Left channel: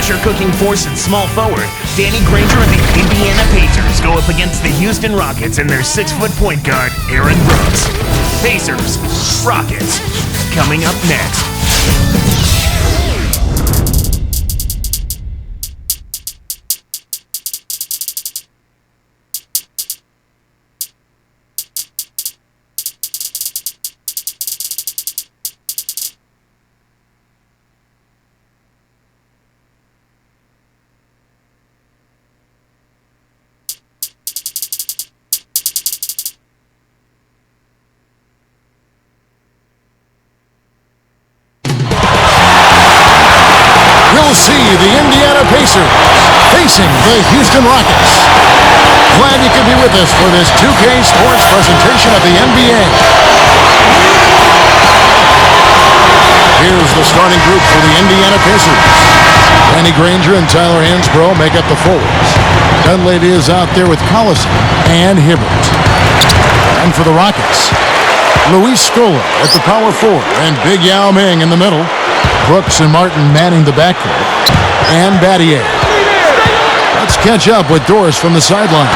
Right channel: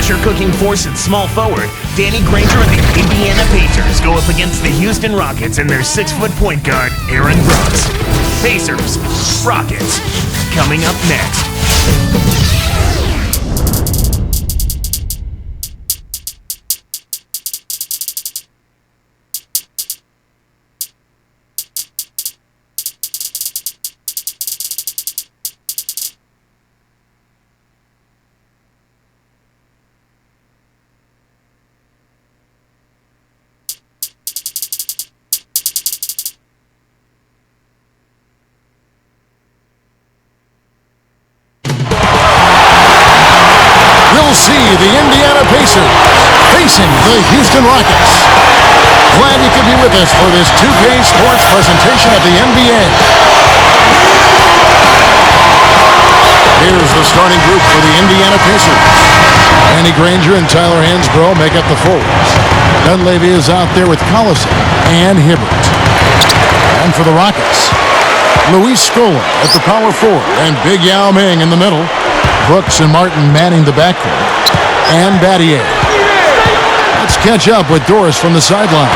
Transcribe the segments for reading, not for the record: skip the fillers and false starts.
pressure-cooking force at small forward, Danny Granger and the Indiana Pacers go up against the Houston Rockets and their 6-foot point guard, Aaron Brooks. Pacers, Rockets, coming up next. We'll see the Indiana Pacers facing the Houston Rockets. Glad you could be with us for this 2K Sports presentation of the NBA. Here's the starting group for the Indiana Pacers. Danny Granger and Tyler Hansbrough make up the forwards. Dunleavy is out there with Collison and Hibbert. And for the Rockets, Luis Scola at the power forward and Big Yao Ming in the middle. Brooks and Martin manning the backcourt. And Battier. Let's catch up with Doris from the sideline.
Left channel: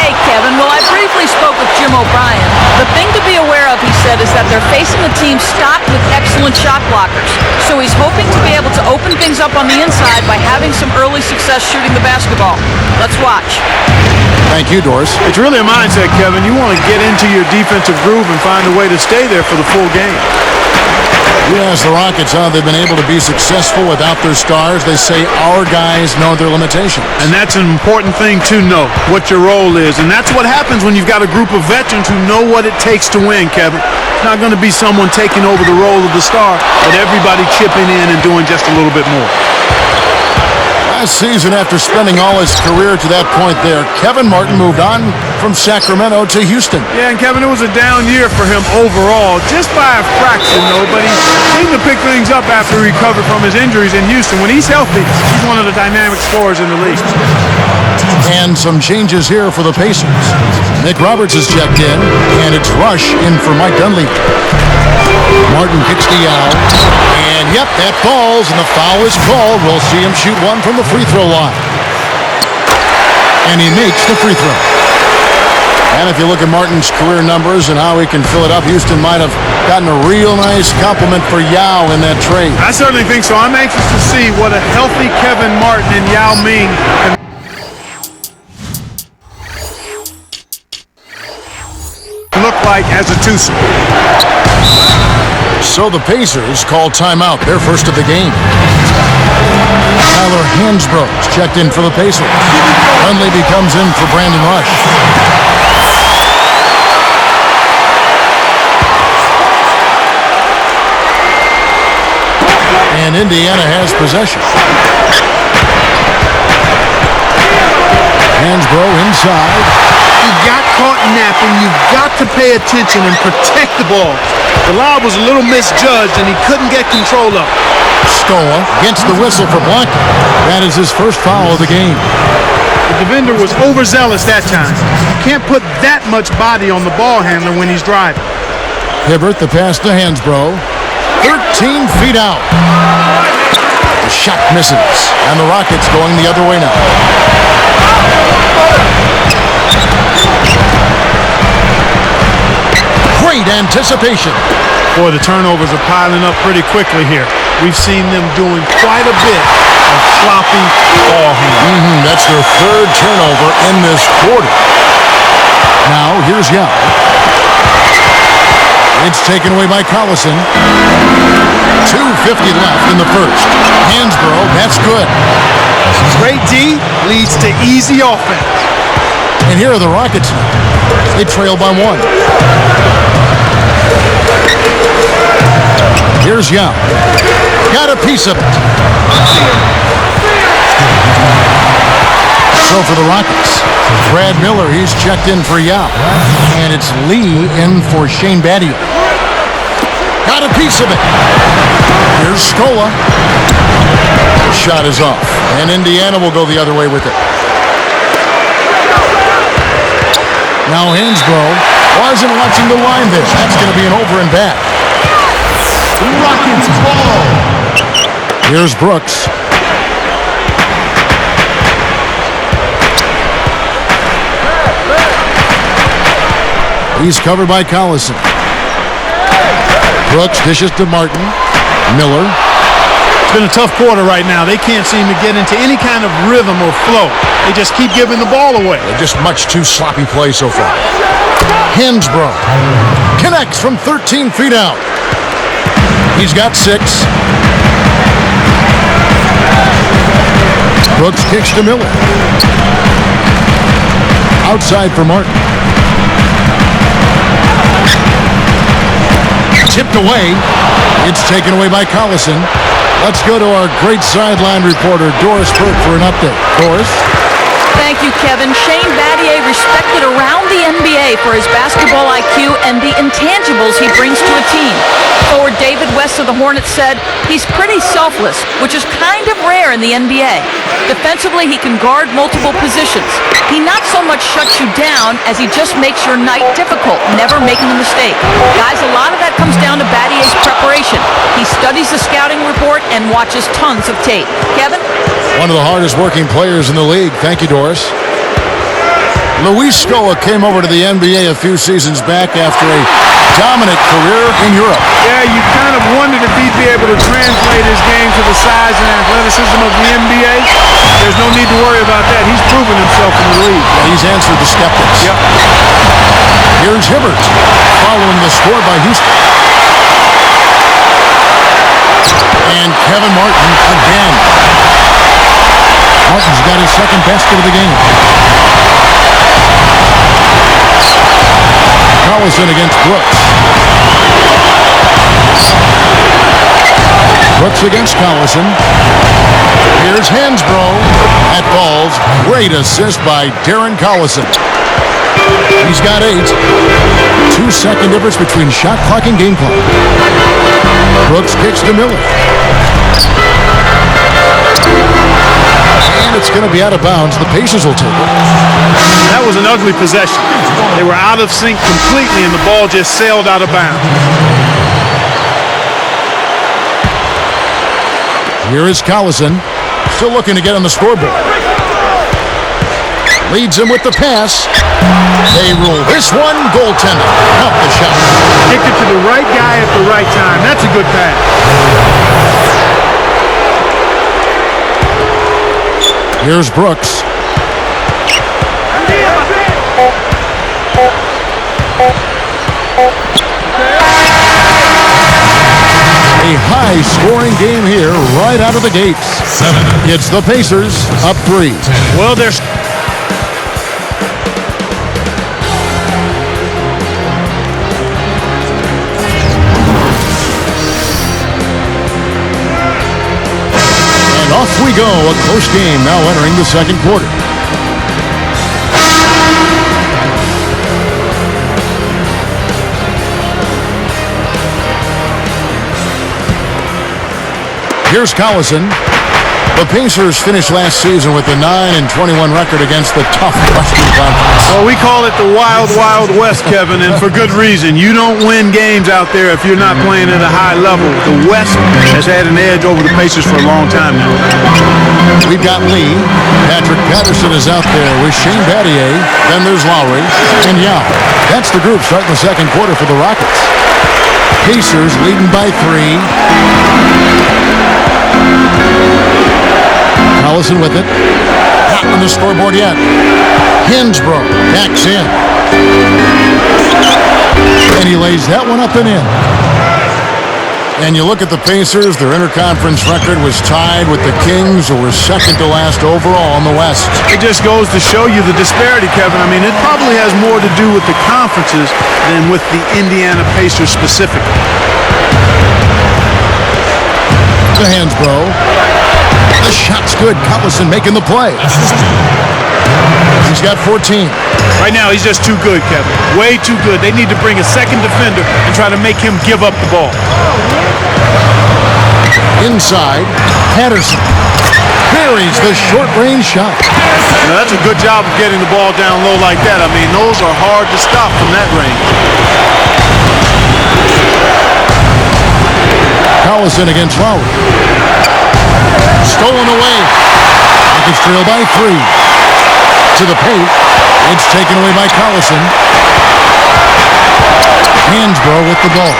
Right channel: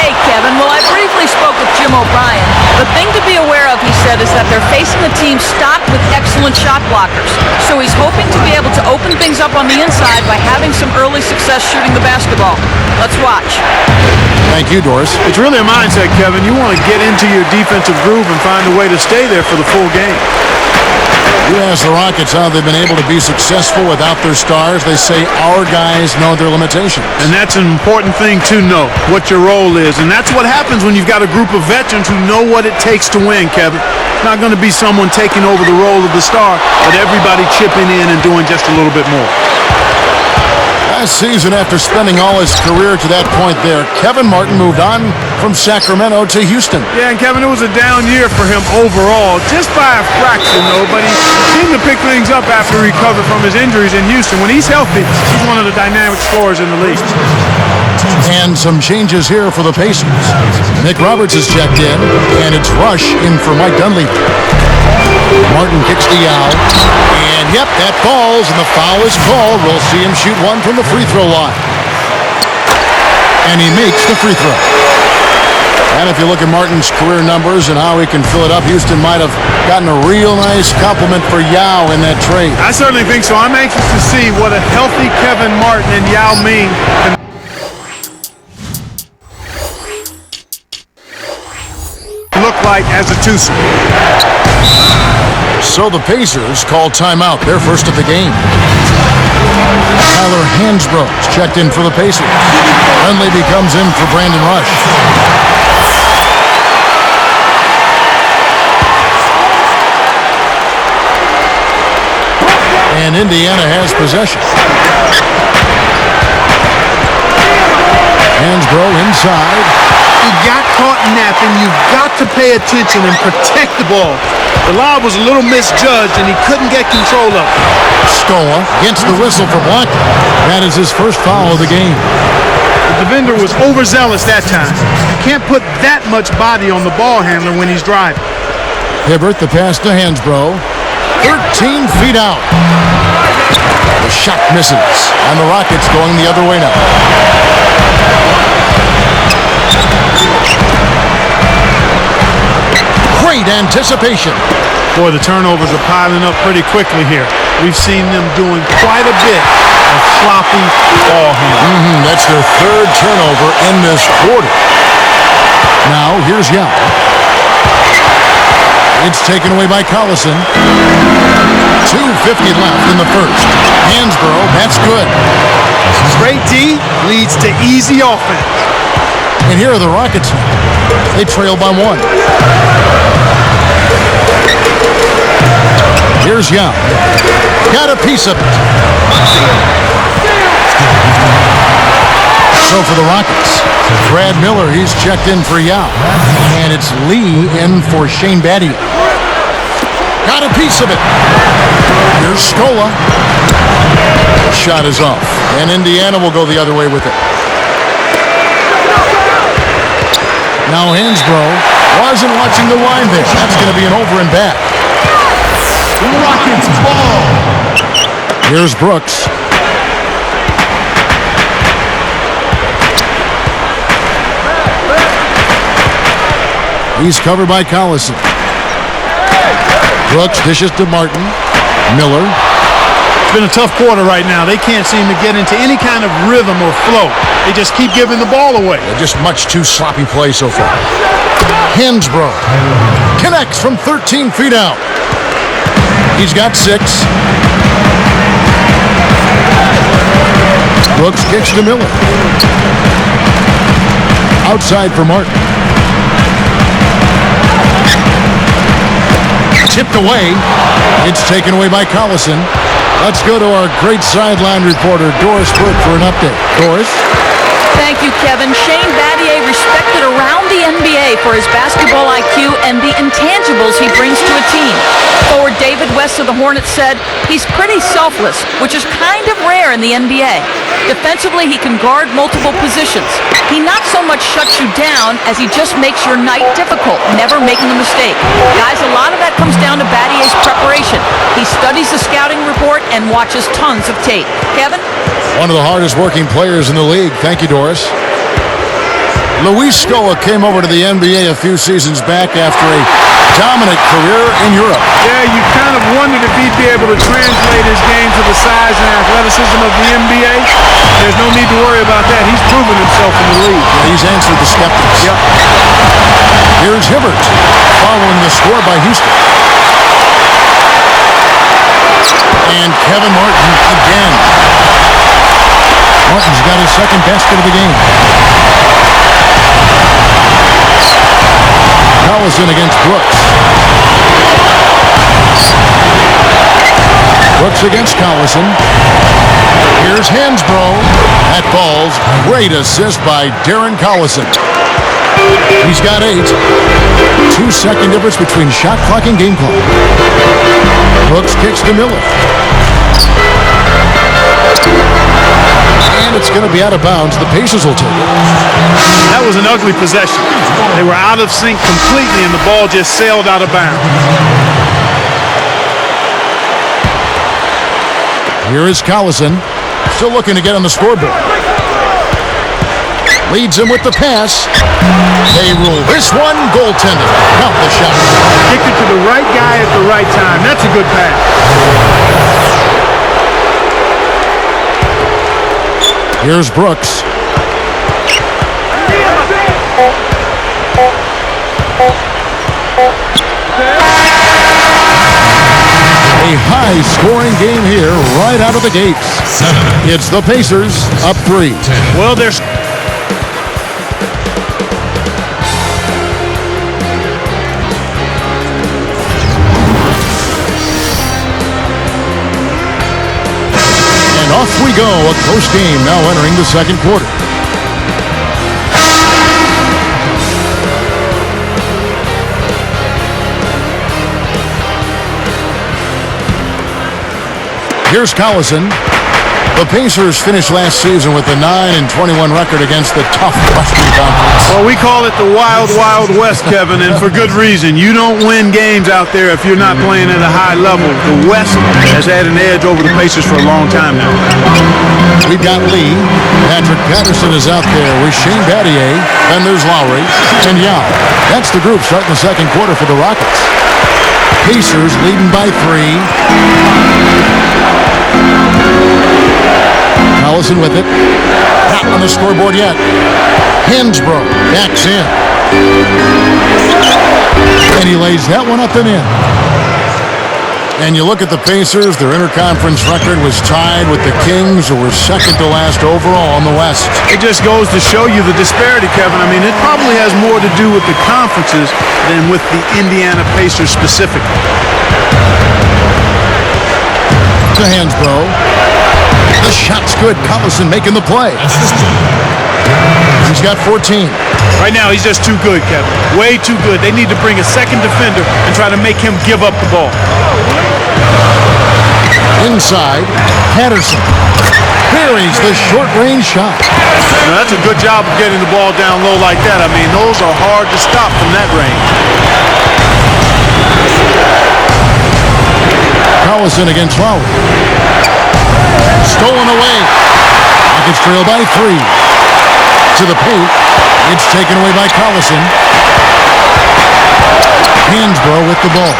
Hey, Kevin. Well, I briefly spoke with Jim O'Brien. The thing to be aware of, he said, is that they're facing a team stocked with excellent shot blockers. So he's hoping to be able to open things up on the inside by having some early success shooting the basketball. Let's watch. Thank you, Doris. It's really a mindset, Kevin. You want to get into your defensive groove and find a way to stay there for the full game. You ask the Rockets how they've been able to be successful without their stars. They say our guys know their limitations. And that's an important thing to know, what your role is. And that's what happens when you've got a group of veterans who know what it takes to win, Kevin. It's not going to be someone taking over the role of the star, but everybody chipping in and doing just a little bit more. Last season, after spending all his career to that point there, Kevin Martin moved on from Sacramento to Houston. Yeah, and Kevin, it was a down year for him overall, just by a fraction, though. But he seemed to pick things up after he recovered from his injuries in Houston. When he's healthy, he's one of the dynamic scorers in the league. And some changes here for the Pacers. Nick Roberts has checked in, and it's Rush in for Mike Dunleavy. Martin kicks to Yao. And, yep, that falls, and the foul is called. We'll see him shoot one from the free throw line. And he makes the free throw. And if you look at Martin's career numbers and how he can fill it up, Houston might have gotten a real nice compliment for Yao in that trade. I certainly think so. I'm anxious to see what a healthy Kevin Martin and Yao Ming can look like as a twosome. So the Pacers call timeout, their first of the game. Tyler Hansbrough's checked in for the Pacers. Dunleavy comes in for Brandon Rush. And Indiana has possession. Hansbrough inside. He got caught napping. You've got to pay attention and protect the ball. The lob was a little misjudged, and he couldn't get control of it. Scola gets the whistle for blocking. That is his first foul of the game. The defender was overzealous that time. You can't put that much body on the ball handler when he's driving. Hibbert, the pass to Hansbrough. 13 feet out. The shot misses, and the Rockets going the other way now. Great anticipation. Boy, the turnovers are piling up pretty quickly here. We've seen them doing quite a bit of sloppy ball handling. That's their third turnover in this quarter. Now, here's Yao. It's taken away by Collison. 2:50 left in the first. Hansbrough, that's good. Great D leads to easy offense. And here are the Rockets now. They trail by one. Here's Yao. Got a piece of it. I see him. So for the Rockets, Brad Miller, he's checked in for Yao. And it's Lee in for Shane Battier. Got a piece of it. Here's Scola. The shot is off. And Indiana will go the other way with it. Now Hansbrough wasn't watching the line there. That's going to be an over and back. Rockets ball. Here's Brooks. He's covered by Collison. Brooks dishes to Martin. Miller. It's been a tough quarter right now. They can't seem to get into any kind of rhythm or flow. They just keep giving the ball away. Just much too sloppy play so far. Hansbrough connects from 13 feet out. He's got 6. Brooks kicks to Miller. Outside for Martin. Tipped away. It's taken away by Collison. Let's go to our great sideline reporter, Doris Burke, for an update. Doris? Thank you, Kevin. Shane Battier respected around the NBA for his basketball IQ and the intangibles he brings to a team. Forward David West of the Hornets said, he's pretty selfless, which is kind of rare in the NBA. Defensively, he can guard multiple positions. He not so much shuts you down as he just makes your night difficult, never making a mistake. Guys, a lot of that comes down to Battier's preparation. He studies the scouting report and watches tons of tape. Kevin? One of the hardest working players in the league. Thank you, Doris. Luis Scola came over to the NBA a few seasons back after a dominant career in Europe. Yeah, you kind of wondered if he'd be able to translate his game to the size and athleticism of the NBA. There's no need to worry about that. He's proven himself in the league. Yeah, he's answered the skeptics. Yep. Here's Hibbert following the score by Houston. And Kevin Martin again. Martin's got his second basket of the game. Collison against Brooks. Brooks against Collison. Here's Hansbrough. That falls. Great assist by Darren Collison. He's got 8. 2-second difference between shot clock and game clock. Brooks kicks to Miller. And it's going to be out of bounds. The Pacers will take it. That was an ugly possession. They were out of sync completely, and the ball just sailed out of bounds. Here is Collison, still looking to get on the scoreboard. Leads him with the pass. They rule this one goaltending. Count the shot. Kicked it to the right guy at the right time. That's a good pass. Here's Brooks. A high-scoring game here right out of the gates. It's the Pacers up 3. Well, there's... And off we go. A close game now entering the second quarter. Here's Collison. The Pacers finished last season with a 9-21 record against the tough Western Conference. Well, we call it the Wild, Wild West, Kevin, and for good reason. You don't win games out there if you're not playing at a high level. The West has had an edge over the Pacers for a long time now. We've got Lee. Patrick Patterson is out there with Shane Battier. Then there's Lowry and Yao. That's the group starting the second quarter for the Rockets. Pacers leading by 3. Collison with it. Not on the scoreboard yet. Hansbrough backs in. And he lays that one up and in. And you look at the Pacers, their interconference record was tied with the Kings, who were second to last overall in the West. It just goes to show you the disparity, Kevin. I mean, it probably has more to do with the conferences than with the Indiana Pacers specifically. To Hansbrough. The shot's good. Collison making the play. He's got 14. Right now, he's just too good, Kevin. Way too good. They need to bring a second defender and try to make him give up the ball. Inside, Patterson buries the short-range shot. You know, that's a good job of getting the ball down low like that. I mean, those are hard to stop from that range. Collison against Lowry. Stolen away. Rockets trail by 3. To the paint. It's taken away by Collison. Hansbrough with the ball.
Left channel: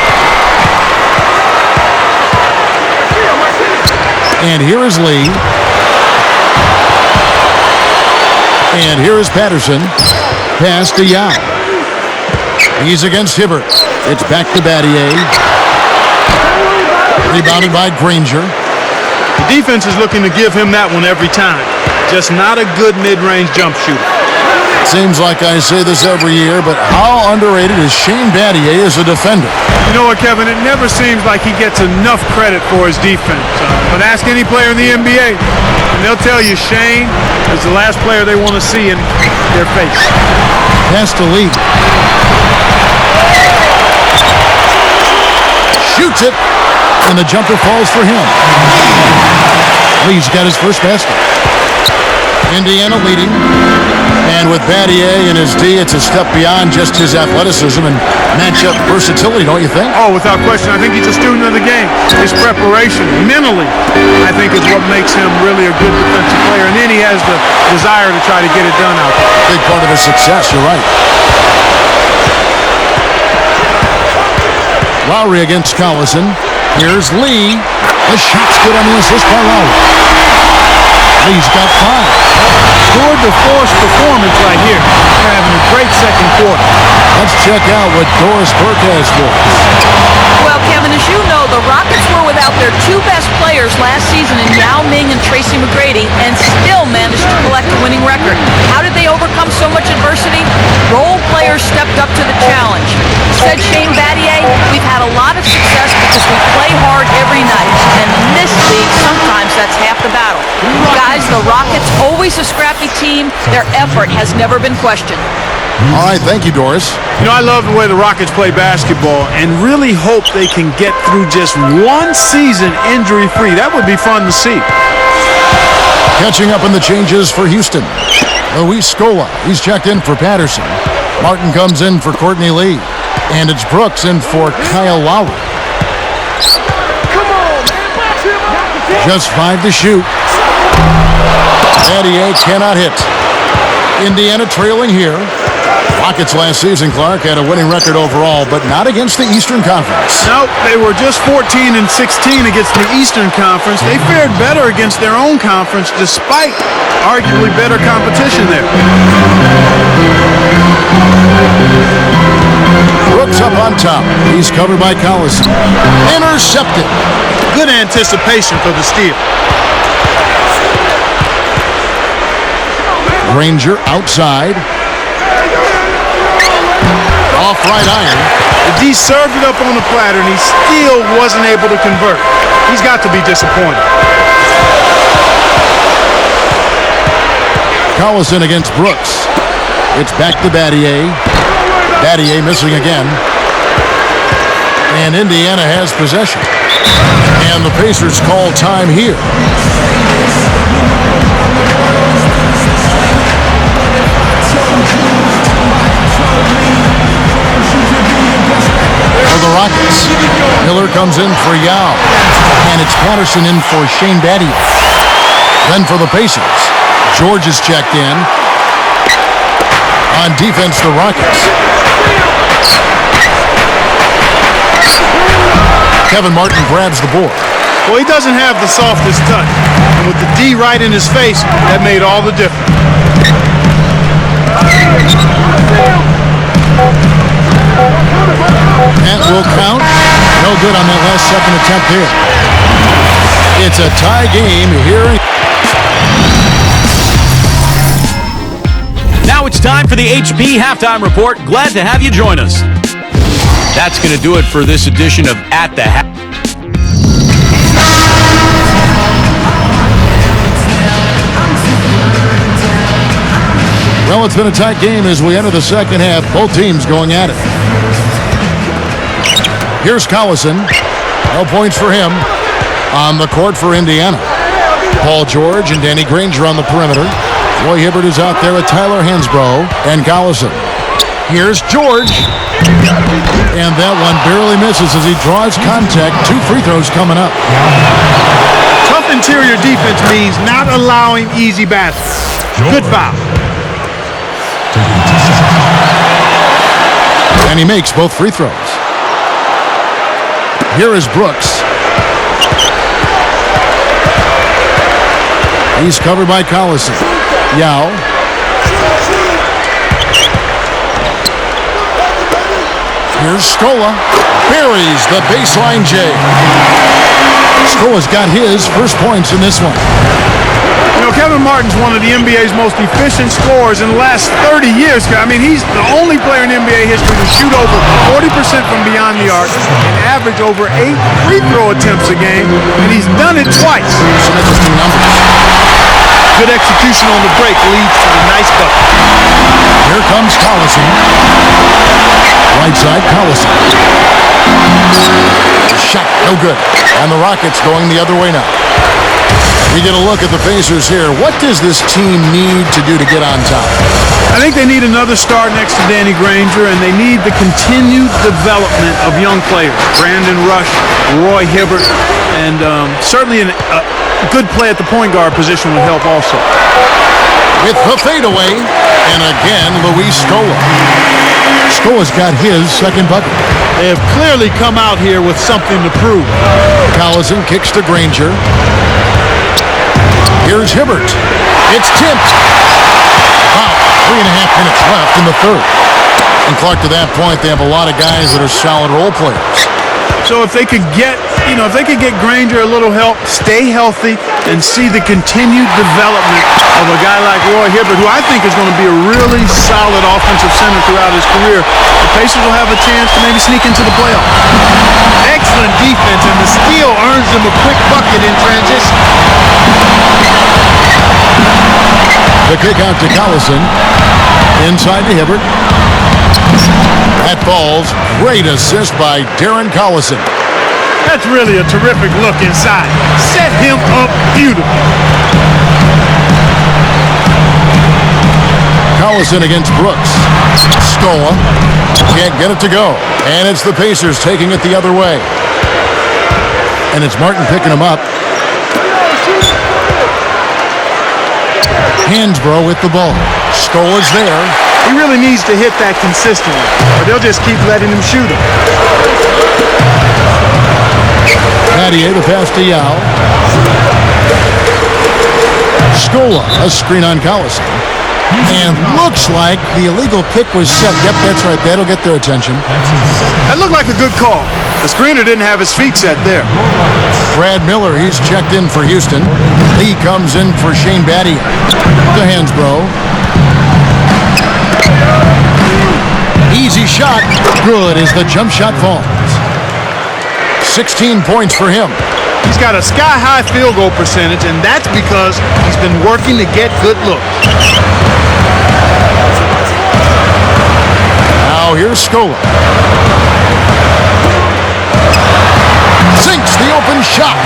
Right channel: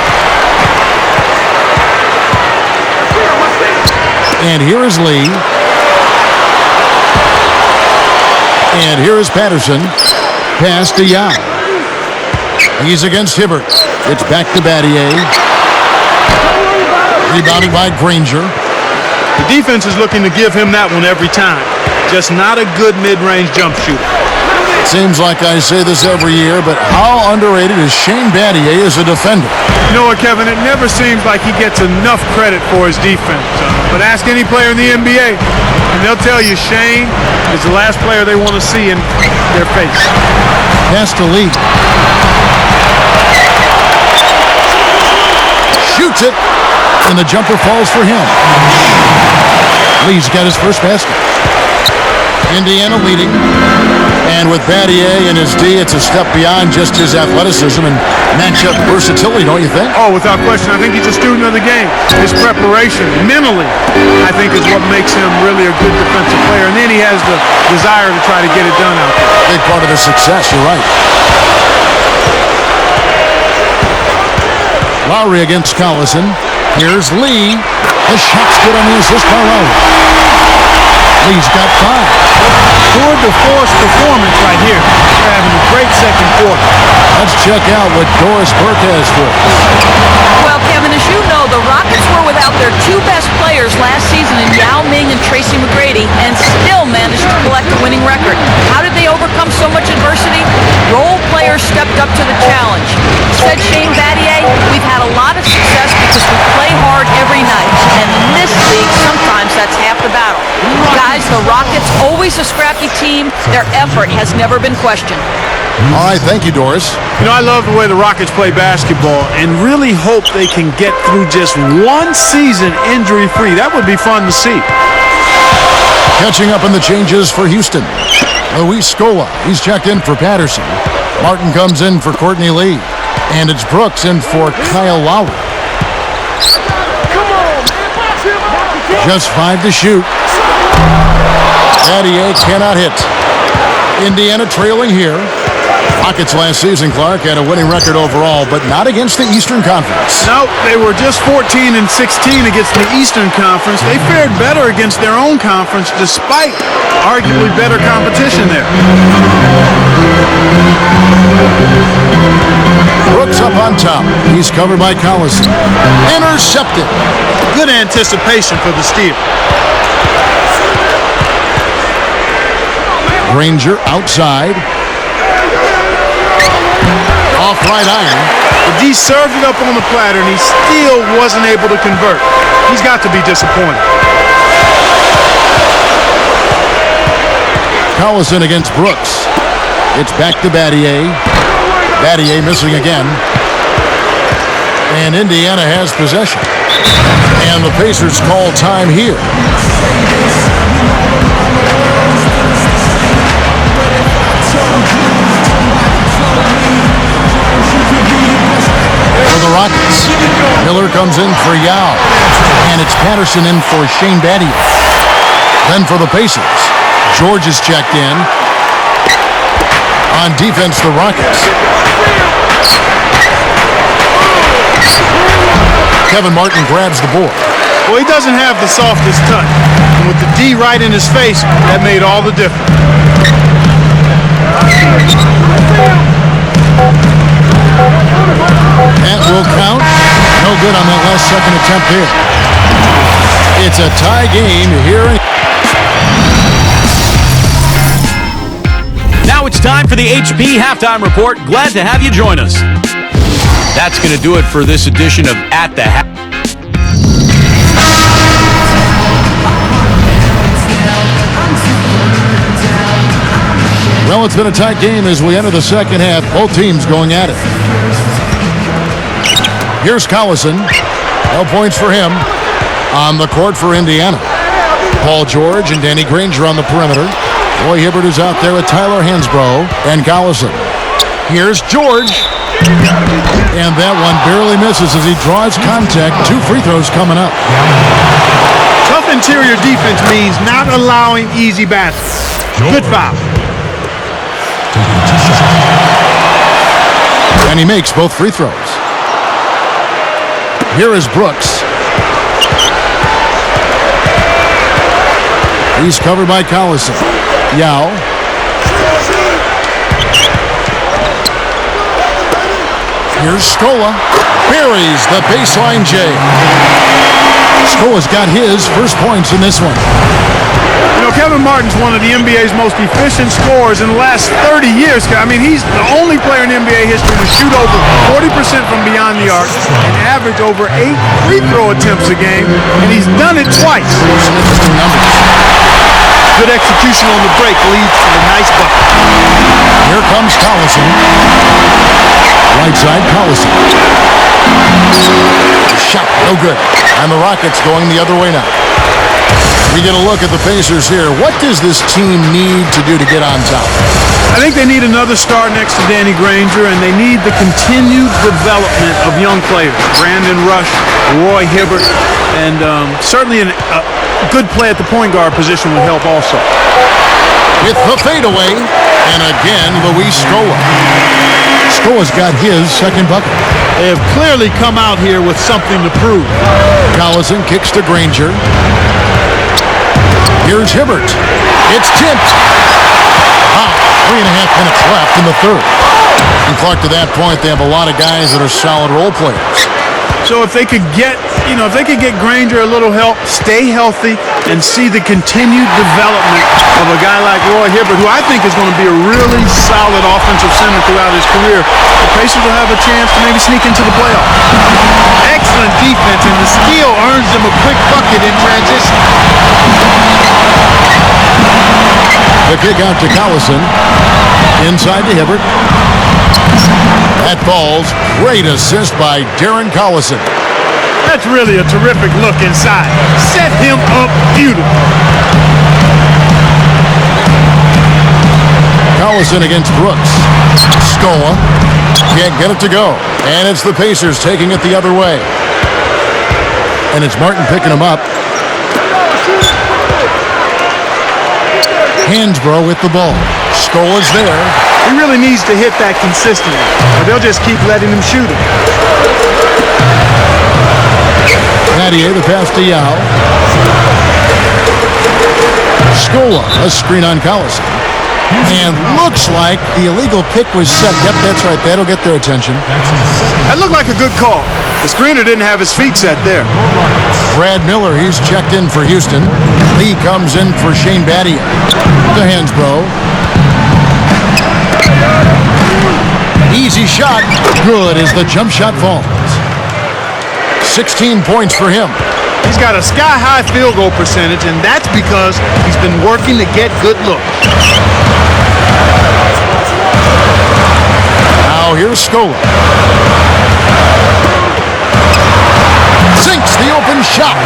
And here is Lee. And here is Patterson. Pass to Yao. He's against Hibbert. It's back to Battier. Rebounded by Granger. The defense is looking to give him that one every time. Just not a good mid-range jump shooter. Seems like I say this every year, but how underrated is Shane Battier as a defender? You know what, Kevin? It never seems like he gets enough credit for his defense. But ask any player in the NBA, and they'll tell you Shane is the last player they want to see in their face. Pass to Lee. Shoots it, and the jumper falls for him. Lee's got his first basket. Indiana leading. And with Battier and his D, it's a step beyond just his athleticism and matchup versatility, don't you think? Oh, without question. I think he's a student of the game. His preparation, mentally, I think is what makes him really a good defensive player. And then he has the desire to try to get it done out there. Big part of his success, you're right. Lowry against Collison. Here's Lee. The shot's good on the assist by Lowry. Lee's got 5. Tour de force performance right here. They're having a great second quarter. Let's check out what Doris Burke has for us. Well, Kevin, as you know, the Rockets were without their 2 best players last season in Yao Ming and Tracy McGrady and still managed to collect a winning record. How did they overcome so much adversity? Role players stepped up to the challenge. Said Shane Battier, we've had a lot of success because we play hard every night, and in this league, sometimes that's half the battle. Guys, the Rockets, always a scrappy team. Their effort has never been questioned. All right, thank you, Doris. You know, I love the way the Rockets play basketball and really hope they can get through just one season injury-free. That would be fun to see. Catching up in the changes for Houston. Luis Scola, he's checked in for Patterson. Martin comes in for Courtney Lee. And it's Brooks in for Kyle Lowry. Come on, man, box him up. Just 5 to shoot. Battier cannot hit. Indiana trailing here. Rockets last season, Clark, had a winning record overall, but not against the Eastern Conference. Nope, they were just 14-16 against the Eastern Conference. They fared better against their own conference despite arguably better competition there. Brooks up on top. He's covered by Collison. Intercepted. Good anticipation for the steal. Granger outside. Off right iron. The D served it up on the platter, and he still wasn't able to convert. He's got to be disappointed. Collison against Brooks. It's back to Battier. Battier missing again. And Indiana has possession. And the Pacers call time here. For the Rockets, Miller comes in for Yao. And it's Patterson in for Shane Battier. Then for the Pacers, George is checked in. On defense, the Rockets. Kevin Martin grabs the board. Well, he doesn't have the softest touch. And with the D right in his face, that made all the difference. That will count. No good on that last second attempt here. It's a tie game here. Now it's time for the HP Halftime Report. Glad to have you join us. That's going to do it for this edition of At the Half. Well, it's been a tight game as we enter the second half. Both teams going at it. Here's Collison. No points for him. On the court for Indiana. Paul George and Danny Granger on the perimeter. Roy Hibbert is out there with Tyler Hansbrough and Collison. Here's George. And that one barely misses as he draws contact. 2 free throws coming up. Tough interior defense means not allowing easy baskets. Good foul. And he makes both free throws. Here is Brooks. He's covered by Collison. Yao. Here's Scola. Buries the baseline J. Scola's got his first points in this one. You know, Kevin Martin's one of the NBA's most efficient scorers in the last 30 years. I mean, he's the only player in NBA history to shoot over 40% from beyond the arc and average over 8 free throw attempts a game, and he's done it twice. Some interesting numbers. Good execution on the break leads to the nice bucket. Here comes Collison. Right side, Collison. The shot, no good. And the Rockets going the other way now. We get a look at the Pacers here. What does this team need to do to get on top? I think they need another star next to Danny Granger, and they need the continued development of young players. Brandon Rush, Roy Hibbert, and certainly a good play at the point guard position would help also. With the fadeaway, and again, Luis Scola. Scola's got his second bucket. They have clearly come out here with something to prove. Collison kicks to Granger. Here's Hibbert. It's tipped. About 3.5 minutes left in the third. And Clark, to that point, they have a lot of guys that are solid role players. So if they could get, Granger a little help, stay healthy, and see the continued development of a guy like Roy Hibbert, who I think is going to be a really solid offensive center throughout his career, the Pacers will have a chance to maybe sneak into the playoffs. Excellent defense, and the steal earns them a quick bucket in transition. The kick out to Collison. Inside to Hibbert. That falls. Great assist by Darren Collison. That's really a terrific look inside. Set him up beautifully. Collison against Brooks. Scola can't get it to go. And it's the Pacers taking it the other way. And it's Martin picking him up. Hansbrough with the ball. Scola's there. He really needs to hit that consistently, or they'll just keep letting him shoot it. Mathieu, the pass to Yao. Scola, a screen on Collison. And looks like the illegal pick was set. Yep, that's right. That'll get their attention. That looked like a good call. The screener didn't have his feet set there. Brad Miller, he's checked in for Houston. Lee comes in for Shane Battier. To Hansbrough. Easy shot. Good as the jump shot falls. 16 points for him. He's got a sky-high field goal percentage, and that's because he's been working to get good looks. Now here's Scola. Sinks the open shot.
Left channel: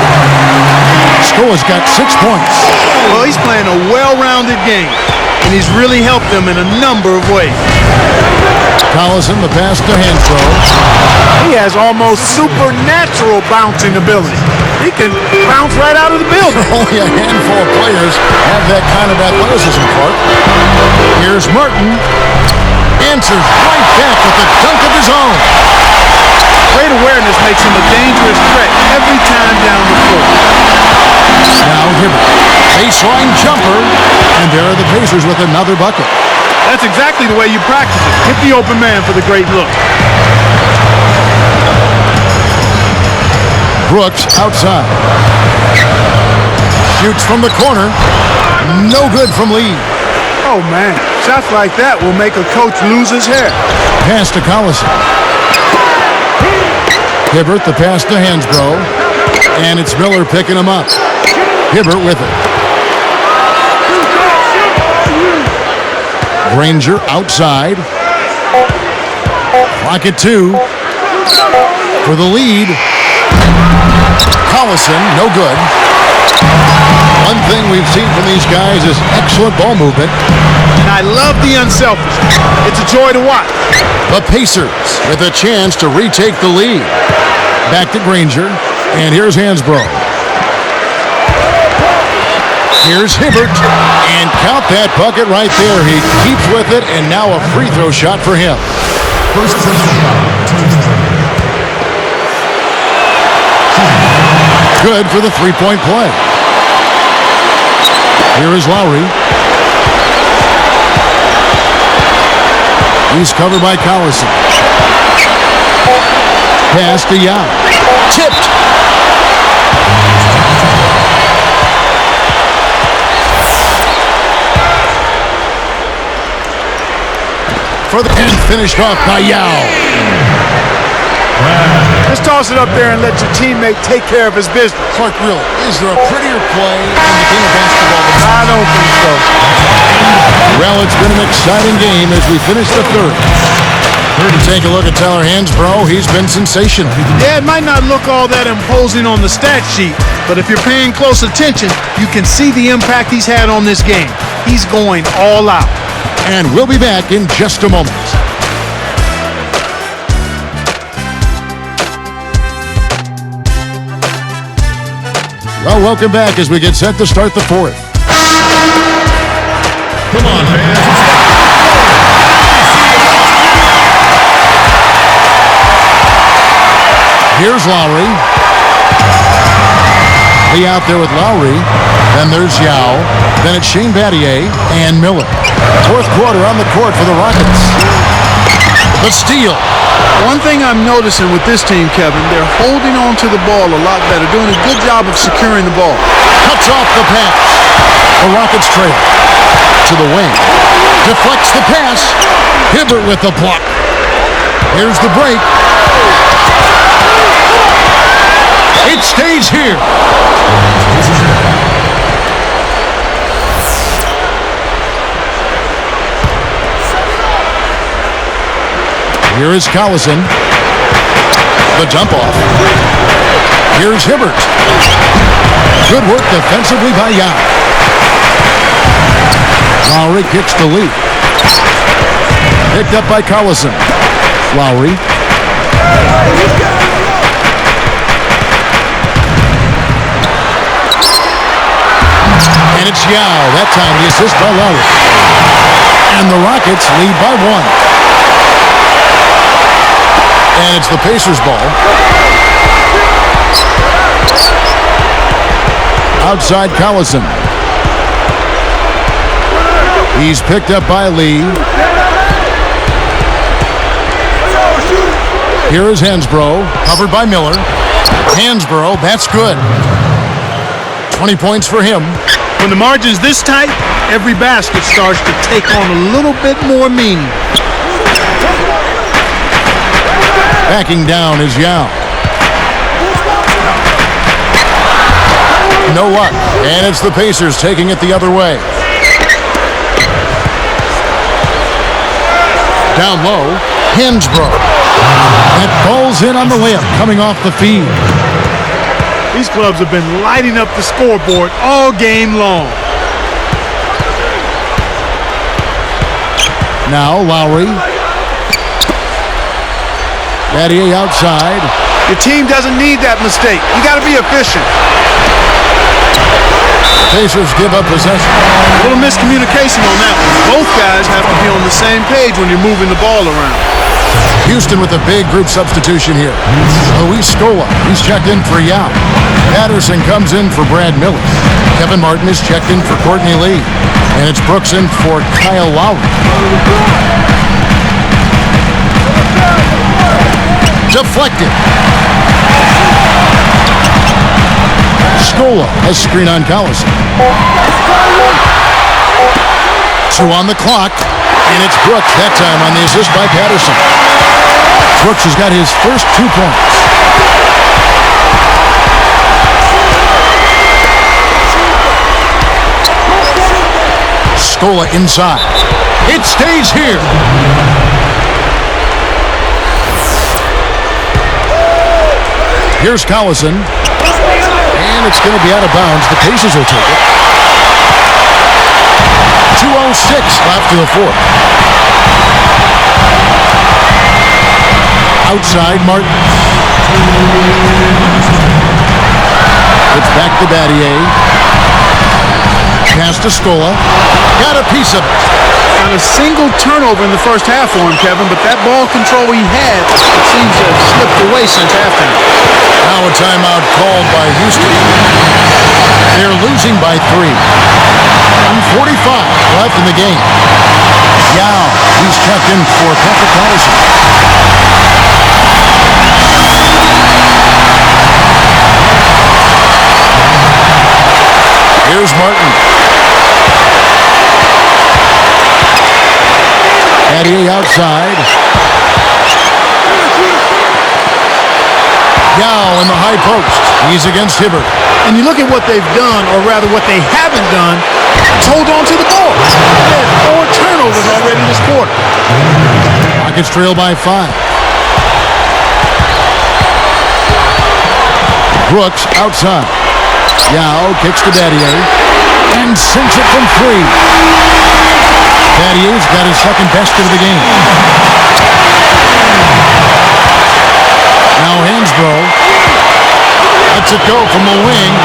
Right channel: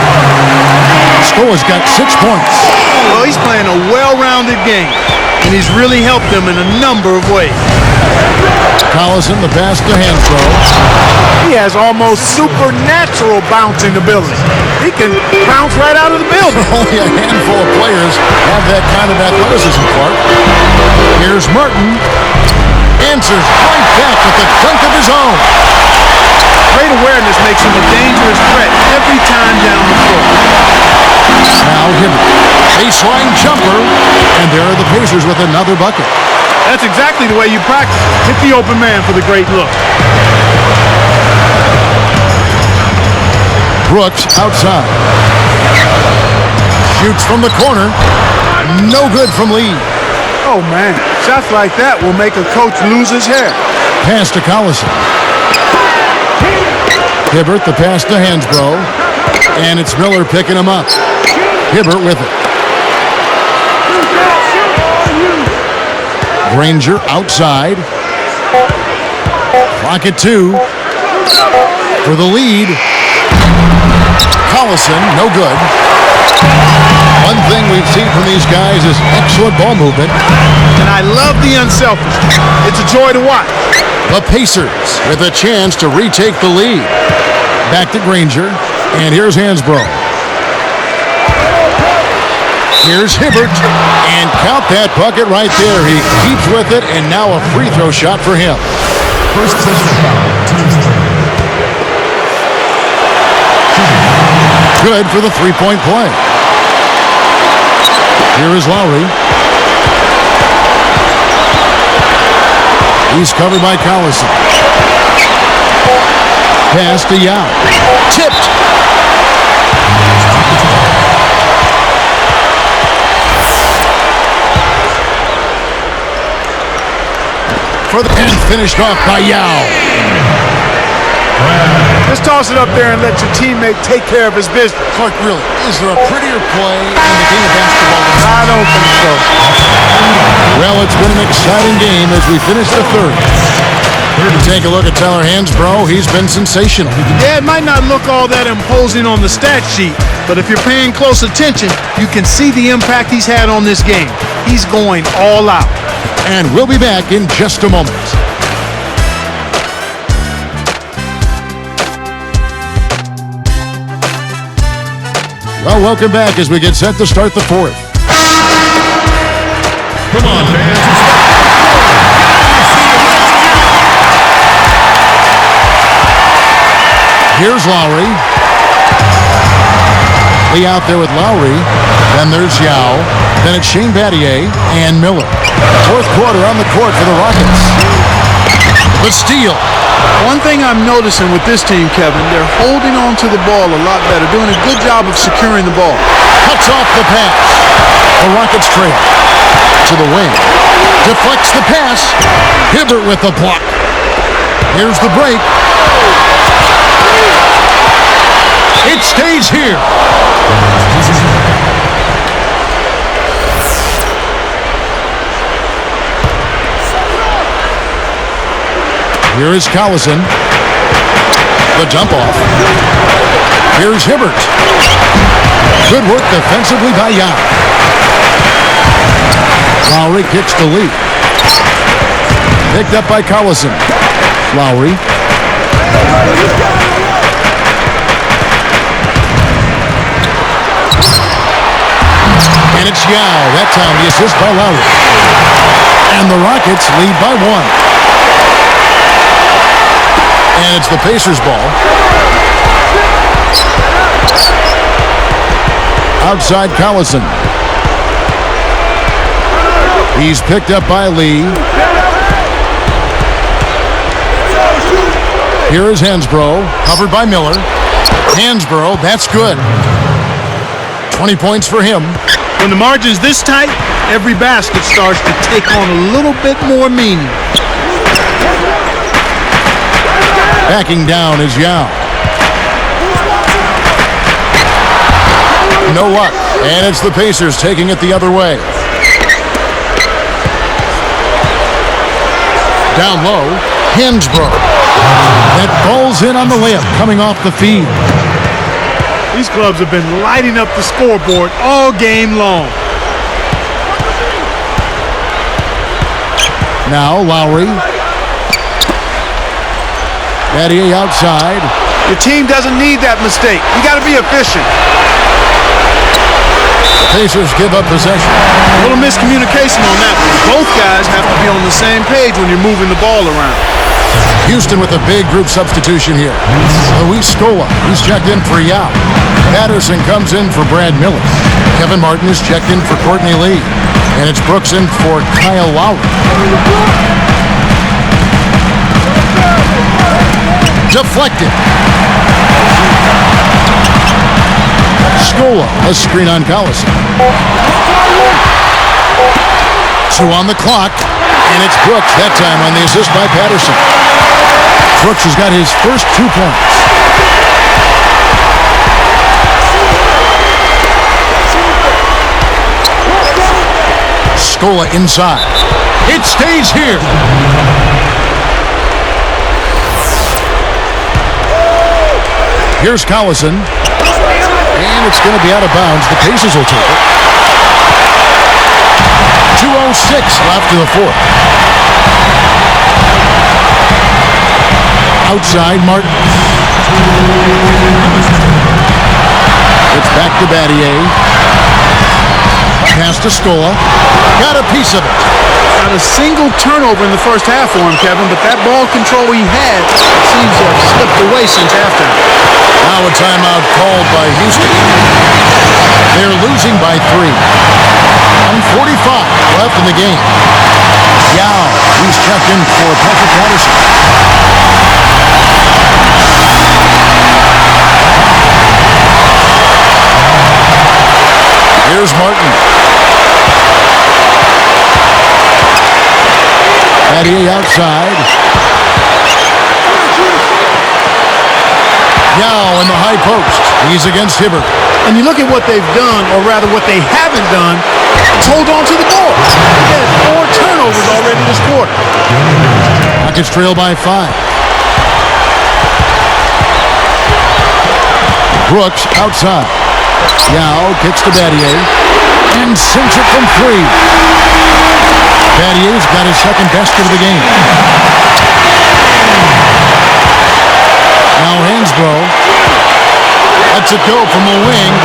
Scola's got 6 points. Well, he's playing a well-rounded game, and he's really helped them in a number of ways. Collison, the pass to Hansbrough. He has almost supernatural bouncing ability. He can bounce right out of the building. Only a handful of players have that kind of athleticism, Clark. Here's Martin. Answers right back with a dunk of his own. Great awareness makes him a dangerous threat every time down the floor. Now Hibbert. Baseline jumper. And there are the Pacers with another bucket. That's exactly the way you practice it. Hit the open man for the great look. Brooks outside. Shoots from the corner. No good from Lee. Oh, man. Shots like that will make a coach lose his hair. Pass to Collison. Hibbert, the pass to Hansbrough. And it's Miller picking him up. Hibbert with it. Granger outside. Clock at 2. For the lead. Collison, no good. One thing we've seen from these guys is excellent ball movement. And I love the unselfishness. It's a joy to watch. The Pacers with a chance to retake the lead. Back to Granger. And here's Hansbrough. Here's Hibbert. And count that bucket right there. He keeps with it, and now a free throw shot for him. First personal foul, team's foul. Good for the three-point play. Here is Lowry. He's covered by Collison. Pass to Yao. Tipped. For the end, finished off by Yao. Just toss it up there and let your teammate take care of his business. Clark, really, is there a prettier play in the game of basketball than that? I don't think so. Well, it's been an exciting game as we finish the third. Take a look at Tyler Hansbrough. He's been sensational. Yeah, it might not look all that imposing on the stat sheet, but if you're paying close attention, you can see the impact he's had on this game. He's going all out. And we'll be back in just a moment. Well, welcome back as we get set to start the fourth. Come on, fans. Here's Lowry. Lee out there with Lowry. Then there's Yao. Then it's Shane Battier and Miller. Fourth quarter on the court for the Rockets. The steal. One thing I'm noticing with this team, Kevin, they're holding on to the ball a lot better, doing a good job of securing the ball. Cuts off the pass. The Rockets trail. To the wing. Deflects the pass. Hibbert with the block. Here's the break. It stays here. Here is Collison. The dump off. Here's Hibbert. Good work defensively by Yao. Lowry kicks to Lee. Picked up by Collison. Lowry. And it's Yao. That time the assist by Lowry. And the Rockets lead by one. And it's the Pacers' ball. Outside Collison. He's picked up by Lee. Here is Hansbrough, covered by Miller. Hansbrough, that's good. 20 points for him. When the margin's this tight, every basket starts to take on a little bit more meaning. Backing down is Yao. No luck. And it's the Pacers taking it the other way. Down low, Hansbrough. That ball's in on the layup, coming off the feed. These clubs have been lighting up the scoreboard all game long. Now Lowry. Battier outside. Your team doesn't need that mistake. You got to be efficient. The Pacers give up possession. A little miscommunication on that one. Both guys have to be on the same page when you're moving the ball around. Houston with a big group substitution here. Luis Scola, he's checked in for Yao. Patterson comes in for Brad Miller. Kevin Martin is checked in for Courtney Lee. And it's Brooks in for Kyle Lowry. Deflected. Scola, a screen on Collison. 2 on the clock, and it's Brooks that time on the assist by Patterson. Brooks has got his first 2 points. Scola inside. It stays here. Here's Collison. And it's going to be out of bounds. The Pacers will take it. 2:06 left in the fourth. Outside Martin. It's back to Battier. Pass to Scola. Got a piece of it. Not a single turnover in the first half for him, Kevin, but that ball control he had, it seems to have slipped away since halftime. Now a timeout called by Houston. They're losing by 3. 1:45 left in the game. Yao, he's checked in for Patrick Patterson. Here's Martin. Battier outside. Yao in the high post. He's against Hibbert. And you look at what they've done, or rather what they haven't done, it's hold on to the ball. They had 4 turnovers already this quarter. Rockets trail by 5. Brooks outside. Yao kicks to Battier and sinks it from 3. Battier's got his second basket of the game. Now Hansbrough lets it go from the wing.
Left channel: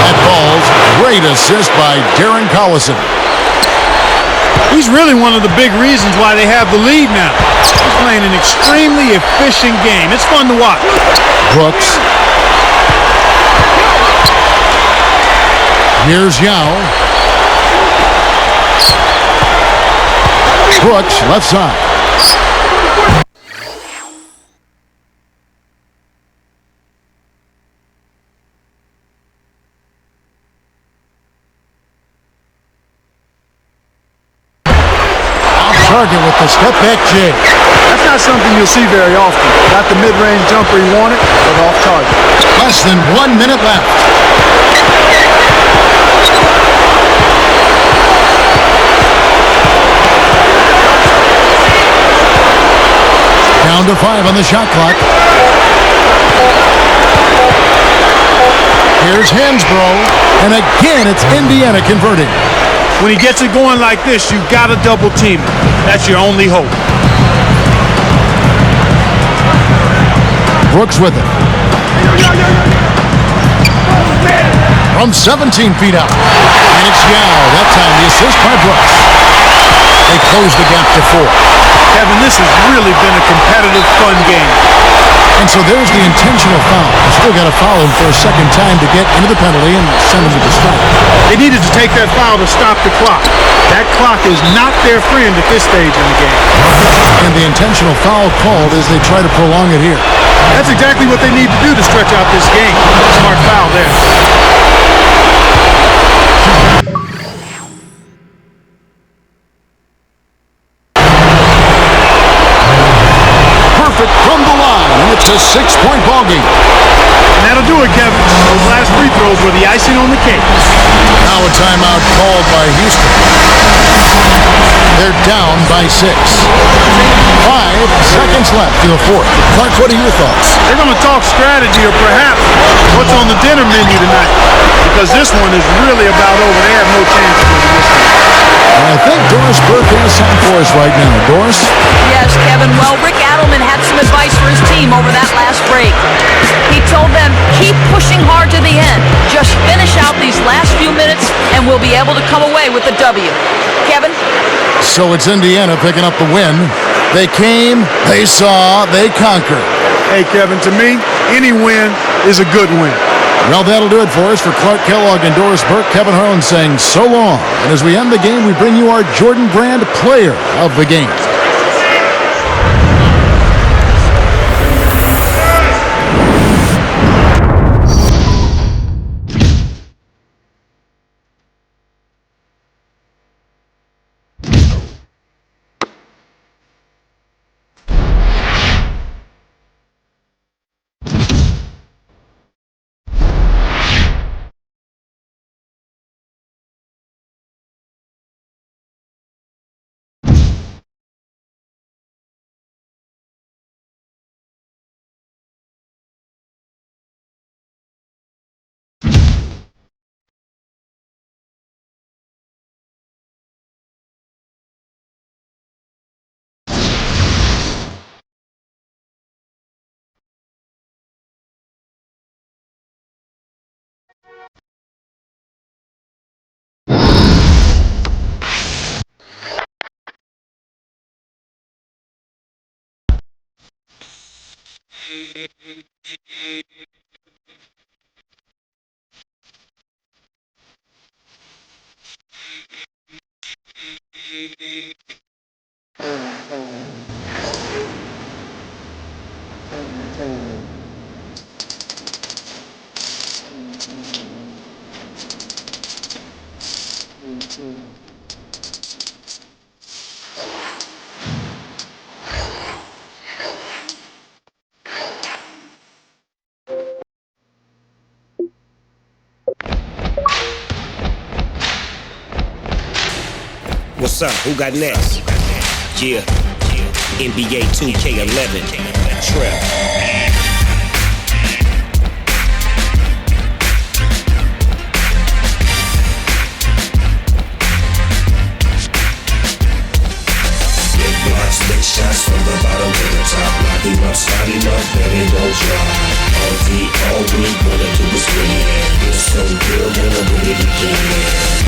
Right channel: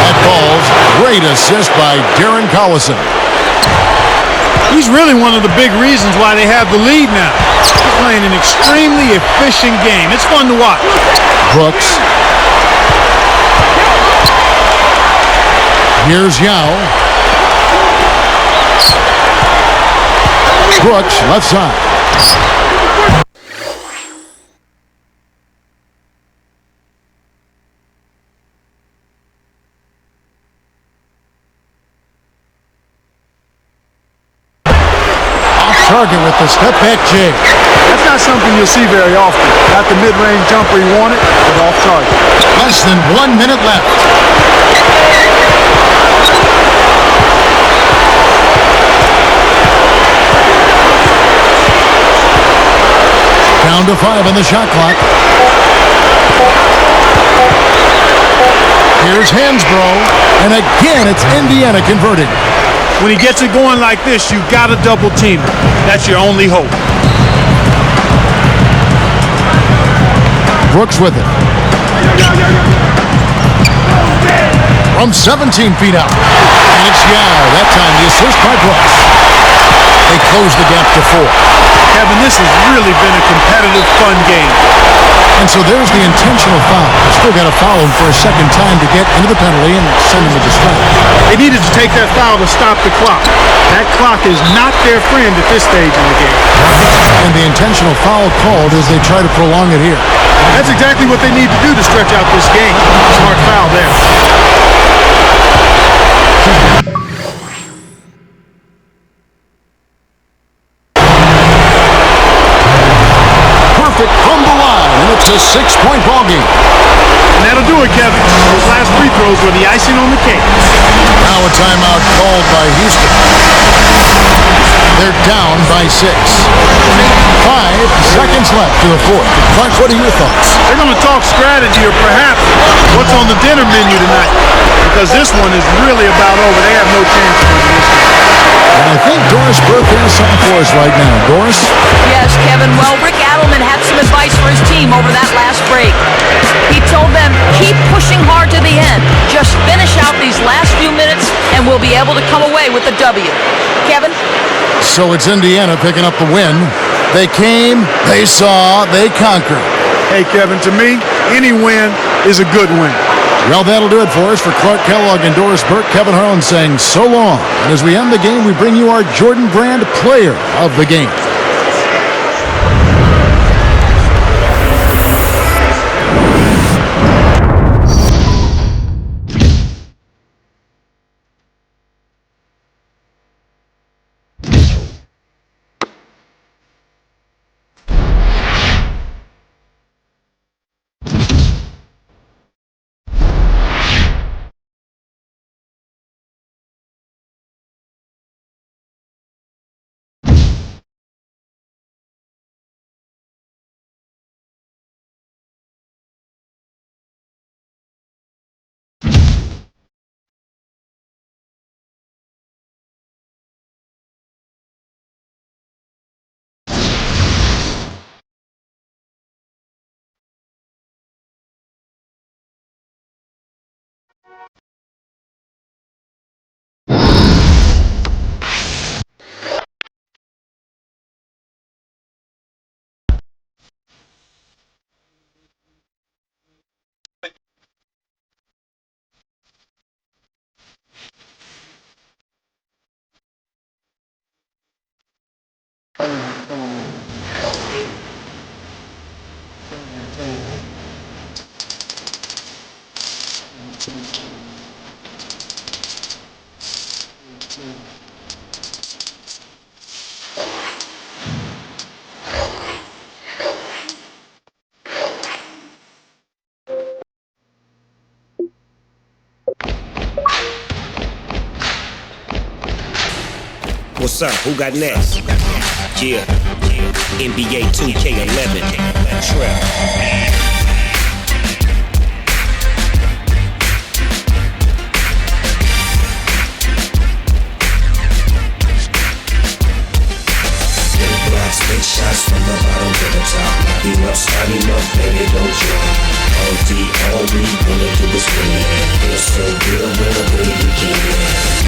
That falls. Great assist by Darren Collison. He's really one of the big reasons why they have the lead now. He's playing an extremely efficient game. It's fun to watch. Brooks. Here's Yao. Brooks, left side. Off target with the step back J. That's not something you'll see very often. Got the mid-range jumper he wanted, but off target. Less than 1 minute left. Down to 5 on the shot clock. Here's Hansbrough, and again it's Indiana converting. When he gets it going like this, you got to double team it. That's your only hope. Brooks with it. From 17 feet out. And it's Yao. That time the assist by Brooks. They close the gap to 4. Kevin, this has really been a competitive, fun game. And so there's the intentional foul. They still got to foul him for a second time to get into the penalty and send him to the strike. They needed to take that foul to stop the clock. That clock is not their friend at this stage in the game. And the intentional foul called as they try to prolong it here. That's exactly what they need to do to stretch out this game. Smart foul there. Perfect from the line, and it's a 6-point ball game. And that'll do it, Kevin. Those last free throws were the icing on the cake. Now a timeout called by Houston. They're down by 6. 5 seconds left to the 4th. Clark, what are your thoughts? They're going to talk strategy or perhaps what's on the dinner menu tonight, because this one is really about over. They have no chance of winning this game. And I think Doris Burke has something for us right now. Doris? Yes, Kevin. Well, Rick Adelman had some advice for his team over that last break. He told them, keep pushing hard to the end. Just finish out these last few minutes, and we'll be able to come away with a W. Kevin? So it's Indiana picking up the win. They came, they saw, they conquered. Hey, Kevin, to me, any win is a good win. Well, that'll do it for us. For Clark Kellogg and Doris Burke, Kevin Harlan saying so long. And as we end the game, we bring you our Jordan Brand Player of the Game. What's up? Who got next? Yeah. NBA 2K11. Trap. Big shots from the bottom to the top. Lock him up, start him up, baby, don't drop. All we wanna do is win. Feel so good when I'm with it again.